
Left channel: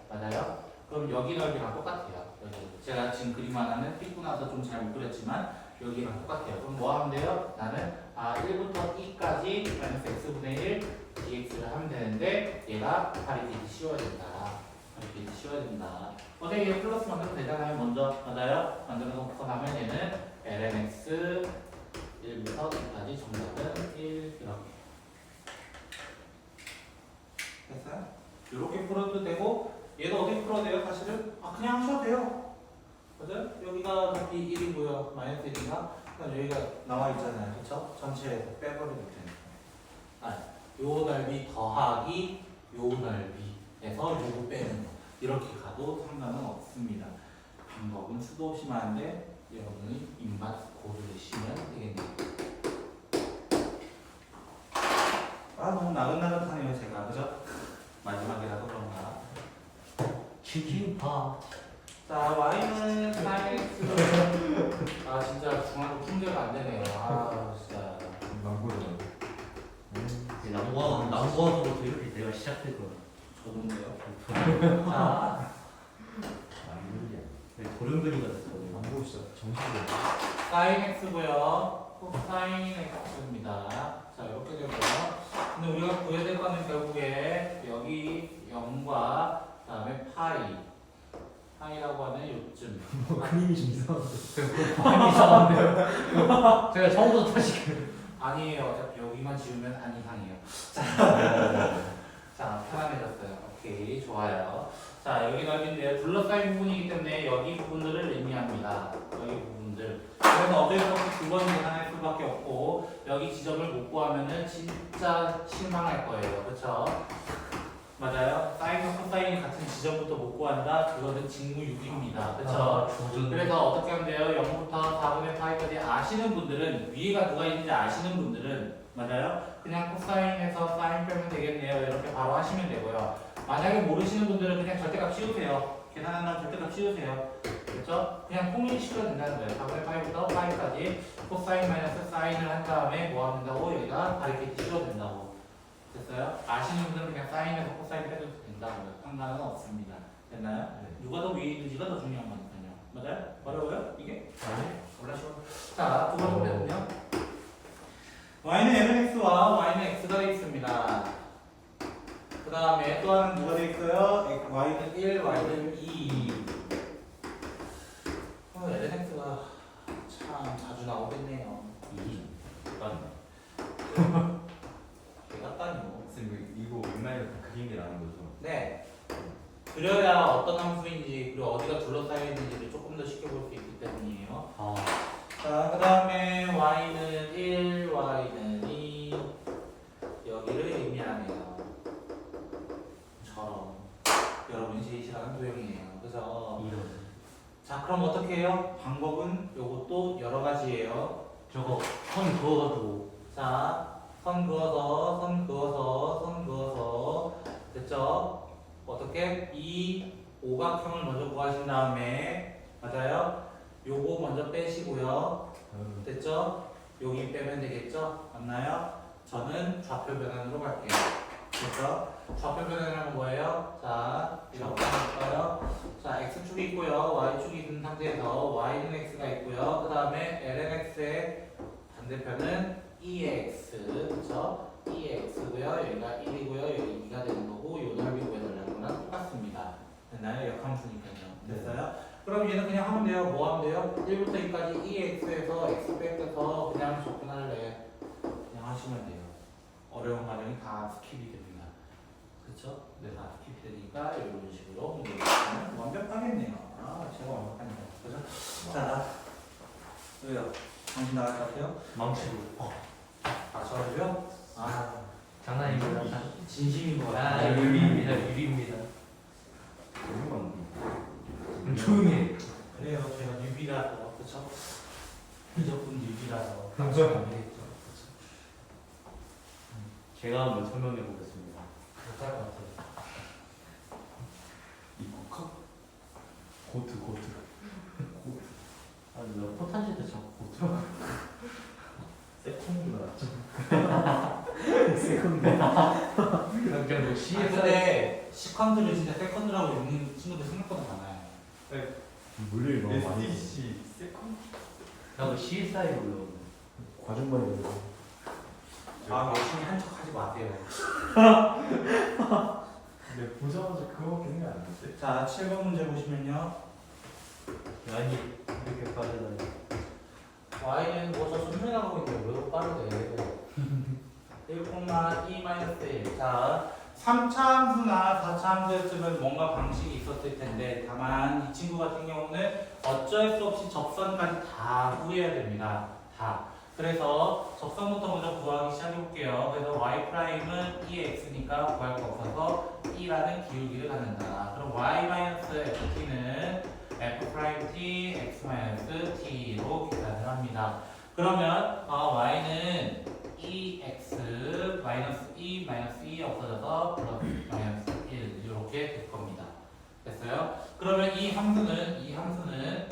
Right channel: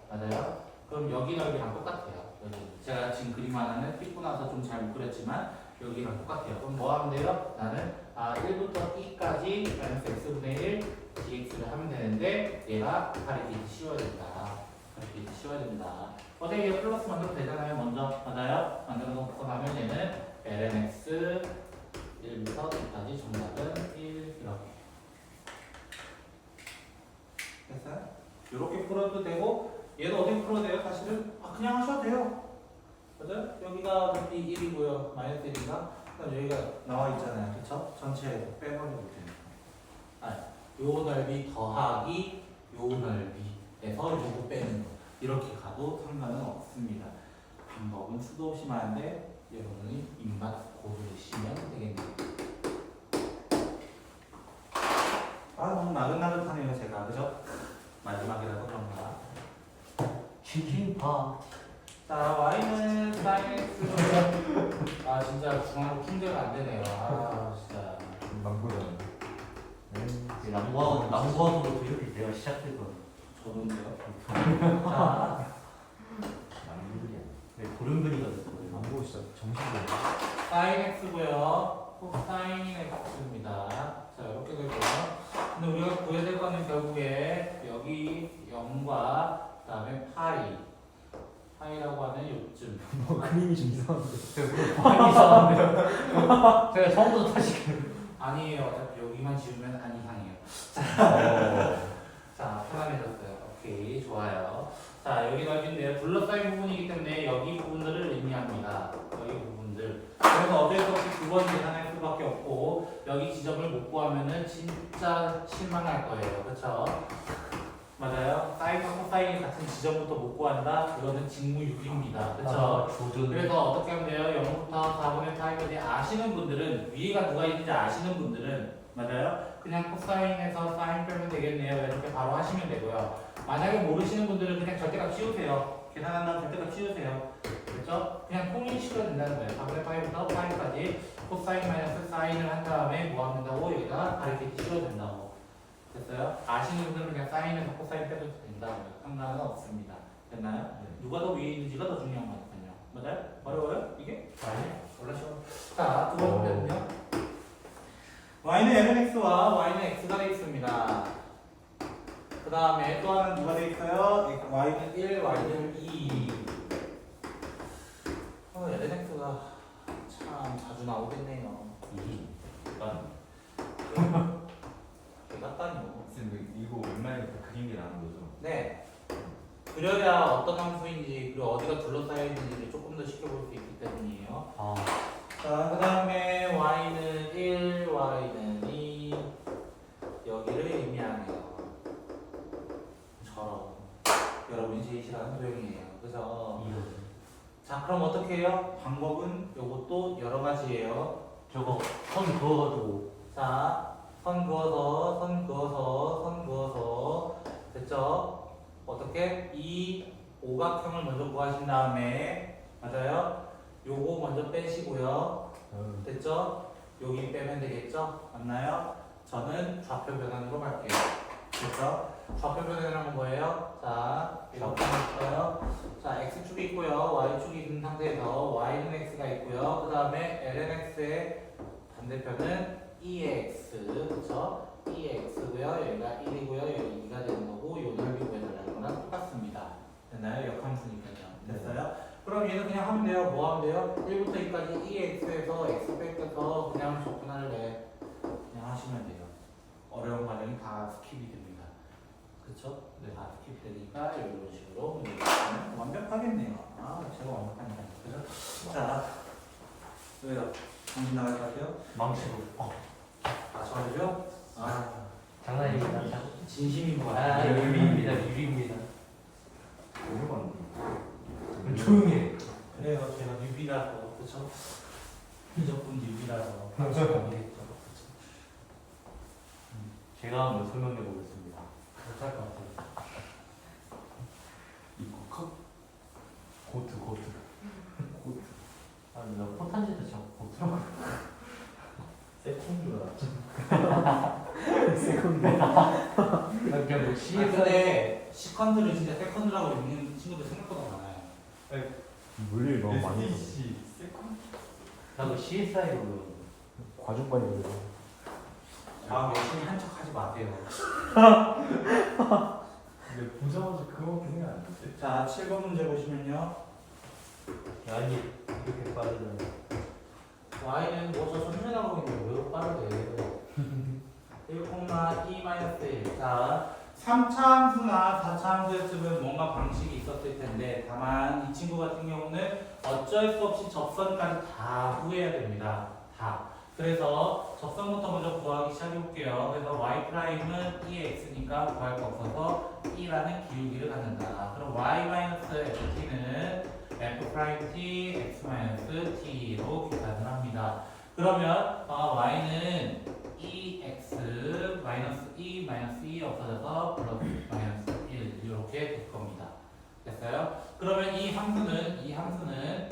맞아요? 그럼 여기 넓이랑 똑같아요. 여기 제가 지금 그림 하나는 삐고 나서 좀 잘 못 그렸지만 여기랑 똑같아요. 그럼 뭐 하면 돼요? 나는 1부터 2까지 마이너스 x분의 1 dx를 하면 되는데 얘가 파리티지 씌워야 된다. 파리티지 씌워야 된다. 선생님 플러스 만들어도 되잖아요. 먼저 맞아요? 만들어 놓고 나면 얘는 lnx 1부터 2까지 정답은 1 이렇게 됐어요? 이렇게 풀어도 되고 얘도 어떻게 풀어도 돼요? 사실은 그냥 하셔도 돼요. 맞아요? 여기가 어차피 1이고요. 마이너스 1인가? 그럼 여기가 나와 있잖아요. 그쵸? 전체에서 빼버리면 되니까. 요 넓이 더하기 요 넓이에서 요거 빼는 거. 이렇게 가도 상관은 없습니다. 방법은 수도 없이 많은데 여러분이 입맛 고르시면 되겠네요. 너무 나긋나긋하네요 제가. 그죠? 마지막이라서 그런가. 치킨파. 자, y는 사인x. 진짜 중앙으로 품제가 안 되네요. 진짜. 망고잖아요. 남부하고도 이렇게 내가 시작될 거야. 저도인데요. 자, 네, 고름그리가 됐어. 망고 진짜 정신이 사인 x고요. 코사인 x입니다. 자, 이렇게 되고요. 근데 우리가 구해야 될 거는 결국에 여기 0과 그다음에 파이라고 하는 요쯤. 뭐 그림이 좀 이상한데. 제가 처음부터 다시 아니에요. 어차피 여기만 지우면 안 이상해요. 자, 편안해졌어요. 오케이, 좋아요. 자, 여기 넓이인데요. 둘러싸인 부분이기 때문에 여기 부분들을 의미합니다. 여기 부분들. 그래서 어쩔 수 없이 두 번 계산할 수밖에 없고 여기 지점을 못 구하면은 진짜 실망할 거예요. 그렇죠? 맞아요. 사인과 코사인이 같은 지점부터 못 구한다. 그거는 직무유기입니다. 그렇죠? 그래서 어떻게 하면 돼요? 0부터 4분의 파이까지 아시는 분들은 위에가 누가 있는지 아시는 분들은 맞아요? 그냥 코사인에서 사인 빼면 되겠네요. 이렇게 바로 하시면 되고요. 만약에 모르시는 분들은 그냥 절대값 씌우세요. 계산한 다음 절대값 씌우세요. 그렇죠? 그냥 통일시켜야 된다는 거예요. 4분의 파이부터 파이까지 코사인 마이너스 사인을 한 다음에 뭐 하면 된다고? 여기다 가리키기 씌워야 된다고. 됐어요? 아시는 분들은 그냥 사인에서 코사인 빼도 된다고요. 상관은 없습니다. 됐나요? 네. 누가 더 위에 있는지가 더 중요한 거니까요. 맞아요? 어려워요? 이게? 몰라 쉬워. 자, 두 번째는요. y는 lnx와 y는 x가 되어 있습니다. 그 다음에 또 하나는 누가 되어 있어요? y는 1, y는 2. lnx가 참 자주 나오겠네요. 개 같다니요. 선생님 이거 웬만해서 그림이 나온 거죠? 네. 그려야 어떤 함수인지 그리고 어디가 둘러싸여 있는지를 조금 더 쉽게 볼 수 있기 때문이에요. 자, 그 다음에 y는 1, y는 2 여기를 의미하네요. 저런 여러분이 제일 싫어하는 도형이에요. 그죠? 자, 그럼 어떻게 해요? 방법은 요것도 여러 가지예요. 저거 선 그어가지고 자, 선 그어서 됐죠? 어떻게? 이 오각형을 먼저 구하신 다음에 맞아요? 요거 먼저 빼시고요. 됐죠? 여기 빼면 되겠죠? 맞나요? 저는 좌표 변환으로 갈게요. 그렇죠? 좌표 변환이란 뭐예요? 자, 이렇게 할까요? 자, x축이 있고요. y축이 있는 상태에서 y는 x가 있고요. 그 다음에 lnx의 반대편은 2x, 그렇죠? 2x고요. 여기가 1이고요. 여기 2가 되는 거고 요 넓이 구해달라는 거랑 똑같습니다. 됐나요? 역함수니까요. 됐어요? 그럼 얘는 그냥 하면 돼요. 뭐 하면 돼요? 1부터 2까지 2x에서 x 뺏겨서 그냥 접근할래. 그냥 하시면 돼요. 어려운 과정이 다 스킵이 됩니다. 그쵸? 네, 다 스킵이 되니까 이런 식으로 문제를 완벽하겠네요. 아, 제가 완벽하니까. 그죠? 자, 왜요? 정신 나갈 것 같아요? 망치고. 아, 저를요? 아, 장난입니다. 진심인 것 아, 같아요. 유리입니다. 유리입니다. 너무 조용히 해. 그래요. 제가 뉴비라서. 그쵸? 무조건 뉴비라서. 맞아요. 감이겠죠. 그쵸? 제가 한번 설명해 보겠습니다. 못할 것 같아요. 이거 컵 고트. 아, 내가 포탄시도 자꾸 고트라고. 세컨드 알았죠? 세컨드. 그냥 뭐 아, CS. 근데 시컨드를 진짜 세컨드라고 읽는 친구들 생각보다 많아요. 물릴 너무 많이 SDC 세컨드. 나도 CSI로 외웠는데. 과정반이 그래서 아, 열심히 한 척 하지 마세요. 근데 보자마자 그거밖에 생각 안 났어요. 자, 7번 문제 보시면요. 아니 이렇게 빠르다니. y는 뭐저 천천히 나가고 있는데 왜 이렇게 빠르대? 1,2-1. 자, 3차 함수나 4차 함수였으면 뭔가 방식이 있었을 텐데 다만 이 친구 같은 경우는 어쩔 수 없이 접선까지 다 구해야 됩니다. 다. 그래서 접선부터 먼저 구하기 시작해볼게요. 그래서 y'은 2x니까 구할 거 없어서 2라는 기울기를 갖는다. 그럼 y-ft는 f'(t) x-t로 계산을 합니다. 그러면 y는 2x 마이너스 2 마이너스 2 없어져서 플러스 마이너스 1 이렇게 될 겁니다. 됐어요? 그러면 이 함수는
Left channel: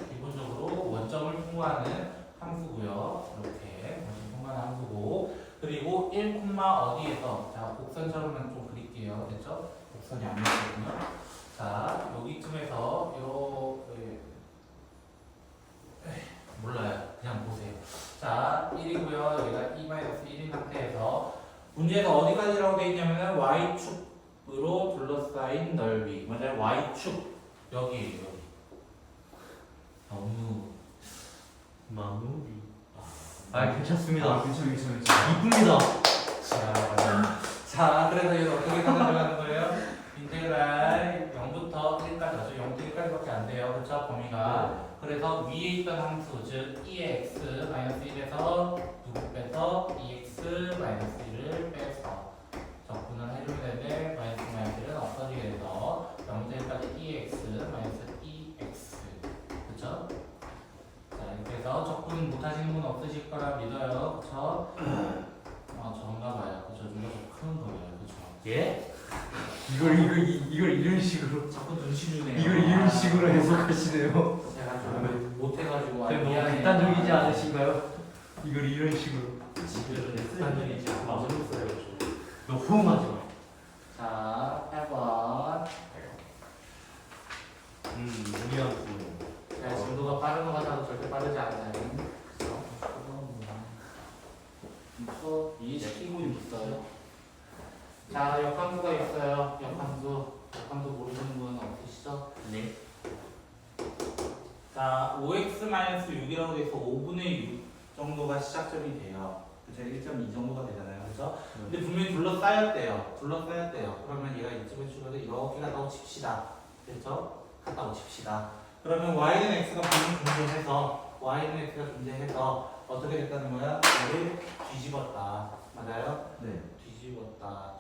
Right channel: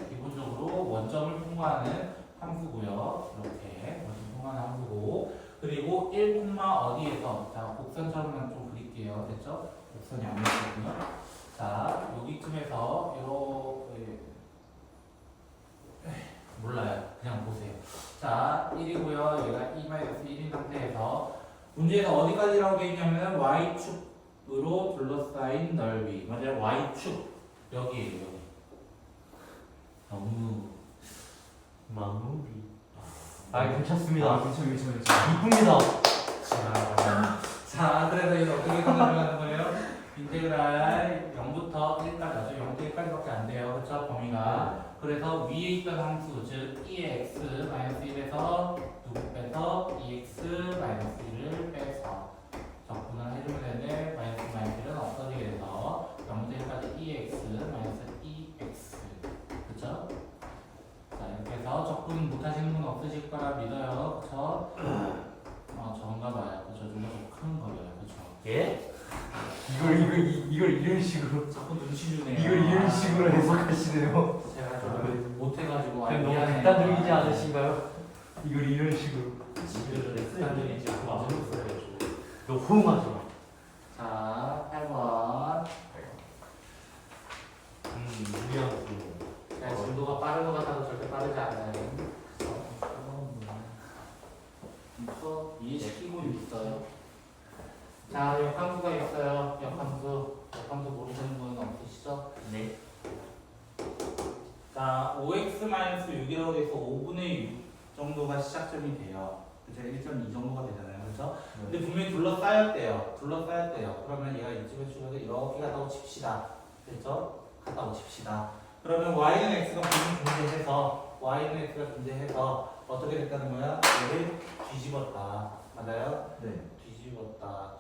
기본적으로 원점을 통과하는 함수고요. 이렇게 원점 통과하는 함수고 그리고 1, 어디에서 자 곡선처럼만 좀 그릴게요. 됐죠? 곡선이 안 보이거든요. 자 여기쯤에서 이렇게 몰라요. 그냥 보세요. 자 1이고요. 여기가 2-1인 상태에서 문제에서 어디까지라고 되어 있냐면 y축으로 둘러싸인 넓이 맞아요. y축 여기에요. 여기. 너무 마무리. 아 괜찮습니다. 괜찮아. 이쁩니다. 자, 그래서 이거 어떻게 들어가는 거예요? 인테그랄 0부터 1까지, 0부터 1까지밖에 안 돼요. 그렇죠? 범위가. 그래서 위에 있던 함수, 즉 2x 마이너스 1에서 누구 빼서 2x 마이너스 1을 빼서 적분을 해주면 되는데 마이너스 1은 없어지게 돼서 0부터 1까지 2x 마이너스 2x 그렇죠? 자, 이렇게 해서 적분 못하시는 분 없으실 거라 믿어요. 그렇죠? 저런가 봐요. 그렇죠? 좀 더 큰 거예요. 그렇죠? 예? 이걸 이런 식으로 자꾸 눈치 주네요. 이걸 이런 식으로 해석하시네요. 제가 좀 못해가지고 그냥 너무 미안해요. 극단적이지 않으신가요? 이걸 이런 식으로. 극단적이지 않고 너 호응하지 마. 자, 8번. 무리한 거. 제가 진도가 빠른 것 같아도 절대 빠르지 않아요. 그래서 이해시키고 있어요. 자, 역함수가 있어요. 역함수 모르시는 분 없으시죠? 네. 자, 5x-6이라고 돼서 5분의 6 정도가 시작점이 돼요. 그죠? 1.2 정도가 되잖아요. 그렇죠? 근데 분명히 둘러싸였대요. 그러면 얘가 이쯤에 주면서 이렇게 갖다고 칩시다. 그렇죠? 갖다고 칩시다. 그러면 y는 x가 분명히 존재해서 어떻게 됐다는 거야? 얘를 뒤집었다. 맞아요? 네. 뒤집었다.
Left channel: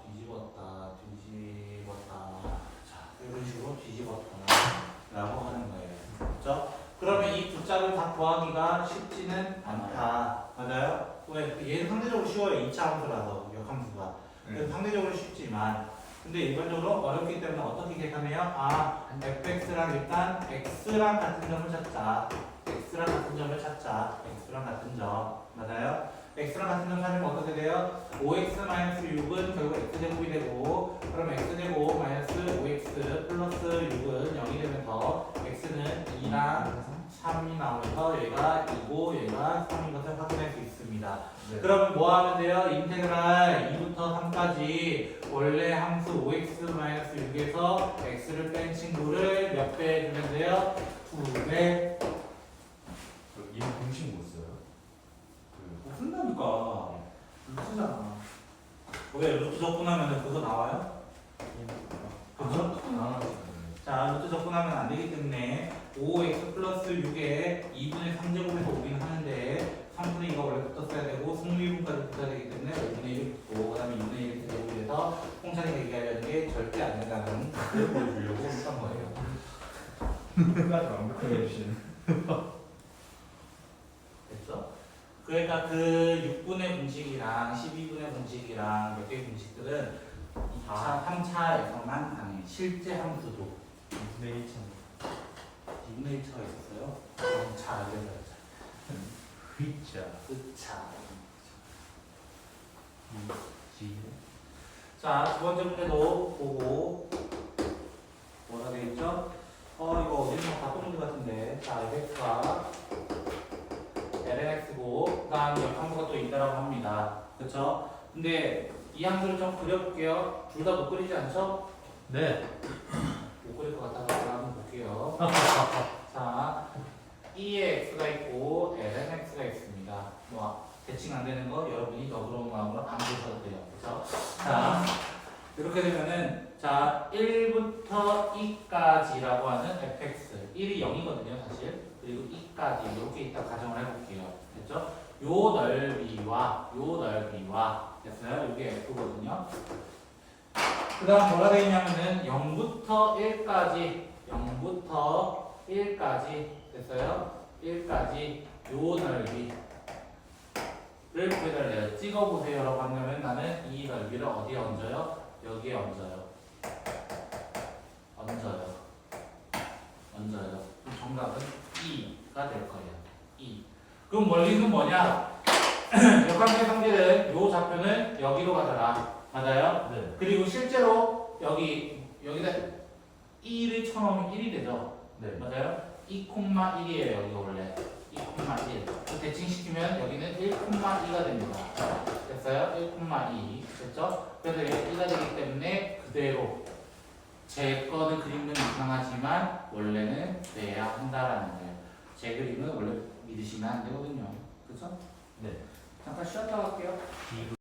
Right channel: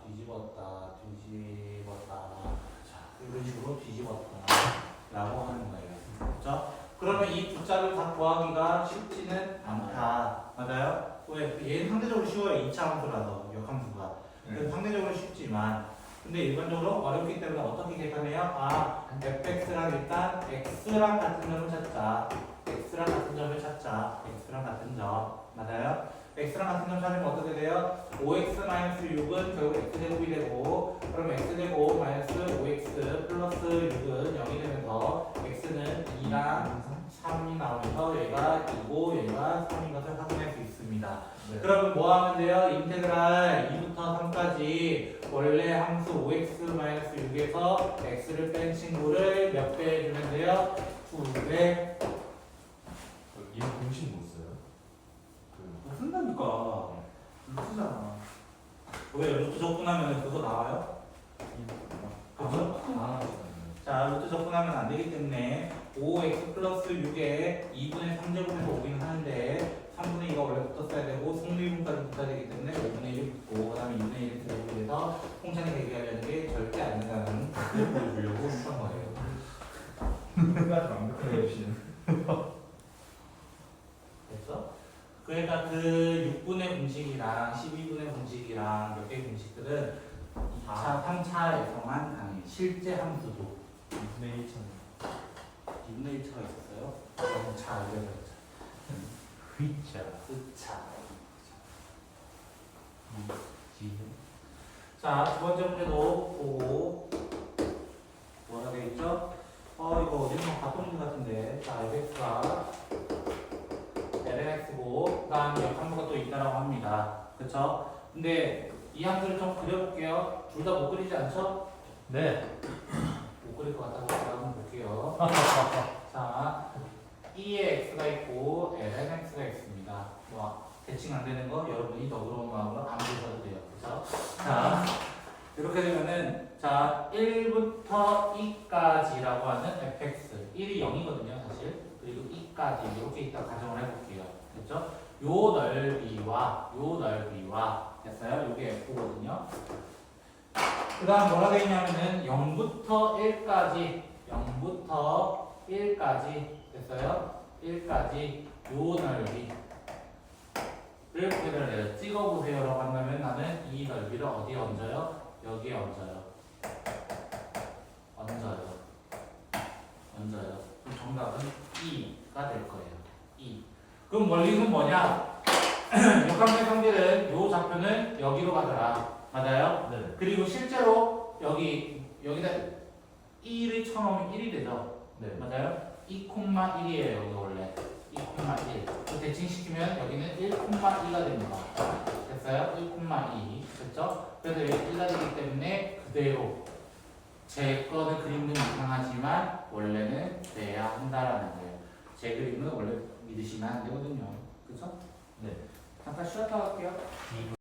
자, 이런 식으로 뒤집었다. 라고 하는 거예요. 그렇죠? 그러면 이 두 자를 다 구하기가 쉽지는 않다. 맞아요? 왜? 얘는 상대적으로 쉬워요. 2차 함수라서, 역함수가. 그래서 상대적으로 쉽지만, 근데 일반적으로 어렵기 때문에 어떻게 계산해요? fx랑 일단 x랑 같은 점을 찾자. x랑 같은 점을 찾자. x랑 같은 점. 맞아요? x랑 같은 점 찾으면 어떻게 돼요? 5x-6은 결국 x제곱이 되고 그럼 x제곱 마이너스 5x 플러스 6은 0이 되면서 x는 2랑 3이 나오면서 얘가 2고 얘가 3인 것을 확인할 수 있습니다. 네. 그러면 뭐 하면 돼요? 인테그랄 2부터 3까지 원래 함수 5x-6에서 x를 뺀 친구를 몇 배 해주면 돼요? 2배. 이거 공식 못 써요? 못 쓴다니까. 루트잖아. 왜 루트 적분하면 그거 나와요? 그죠? 아, 자, 루트 적분하면 안 되기 때문에 5x 플러스 6에 2분의 3제곱에서 오긴 하는데 3분의 2가 원래 붙었어야 되고 승리분까지 붙어야 되기 때문에 5분의 1이 붙고 그 다음에 2분의 1이 제곱이 돼서 홍찬이 얘기하려는 게 절대 안 된다는 걸 보여주려고 했던 거예요. 끝까지 완벽하게 해주시는. 됐어? 그러니까 그 6분의 공식이랑 12분의 공식이랑 몇 개의 공식들은 2차, 3차에서만 가능해. 실제 함수도 2분의 1천. 2분의 1차가 있었어요? 0차 알려드렸죠. 휘자. 그차. 지. 자, 두 번째 문제도 보고 뭐가 되겠죠? 이거 어디서 봤던 문제 같은데. 자, fx가 lnx고 그 다음 옆 함수가 또 있다라고 합니다. 그쵸? 근데 이 함수를 좀 그려볼게요. 둘 다 못 그리지 않죠? 네. 못 그릴 것 같아서 한번 볼게요. 자, 2에 x가 있고 ln x가 있습니다. 뭐 대칭 안 되는 거 여러분이 너그러운 마음으로 안 보셔도 돼요. 그쵸? 자, 이렇게 되면은 자 1부터 2까지라고 하는 fx 1이 0이거든요 사실. 그리고 2까지 이렇게 있다 가정을 해볼게요. 됐죠? 요 넓이와 됐어요? 이게 f거든요. 그 다음 뭐가 되냐면은 0부터 1까지 됐어요? 1까지 요 넓이를 구해달라 해요. 찍어보세요 라고 한다면 나는 이 넓이를 어디에 얹어요? 여기에 얹어요. 그럼 정답은 2가 될 거예요. 2. 그럼 원리는 뭐냐? 역함수의 성질은 요 좌표는 여기로 가더라. 맞아요? 네. 그리고 실제로 여기다 1을 쳐놓으면 1이 되죠. 네. 맞아요? 2,1이에요. 이거 원래 2,1. 그 대칭시키면 여기는 1,2가 됩니다. 됐어요? 1,2. 됐죠? 그래서 여기 1가 되기 때문에 그대로 제 거는 그림은 이상하지만 원래는 돼야 한다라는 거예요. 제 그림은 원래 믿으시면 안 되거든요. 그죠? 네. 잠깐 쉬었다 갈게요.